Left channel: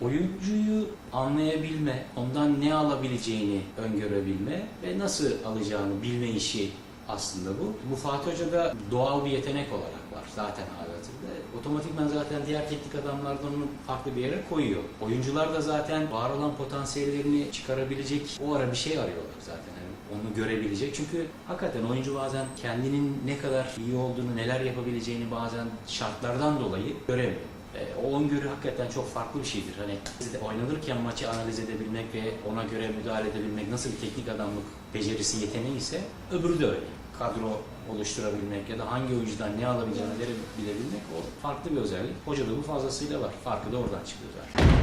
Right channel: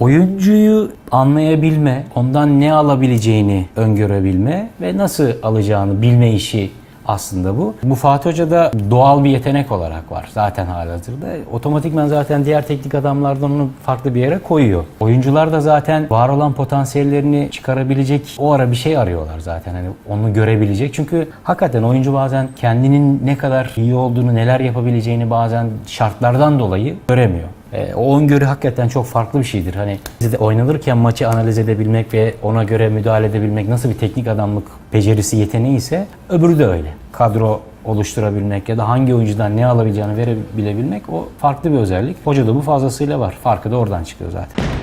Oyuncuyu anlayabilme, ondan ne alabileceğini öngörebilme ve nasıl alacağını bilme işi aslında bu. Bu Fatih Hoca'da doğal bir yetenek olarak var zaten halihazırda. Otomatikman zaten diğer teknik adamlardan onu farklı bir yere koyuyor. Oyuncular da zaten var olan potansiyellerini çıkarabilecek o ara bir şey arıyorlar zaten. Hani onu görebilecek. Çünkü hakikaten oyuncu bazen kendinin ne kadar iyi olduğunu, neler yapabileceğini bazen şartlardan dolayı göremiyor. O öngörü hakikaten çok farklı bir şeydir. Hani oynanırken maçı analiz edebilmek ve ona göre müdahale edebilmek nasıl bir teknik adamlık becerisi, yeteneği ise öbürü de öyle. Kadro oluşturabilmek ya da hangi oyuncudan ne alabileceğini verebilmek o farklı bir özellik. Hocada bu fazlasıyla var. Farkı da oradan çıkıyor zaten.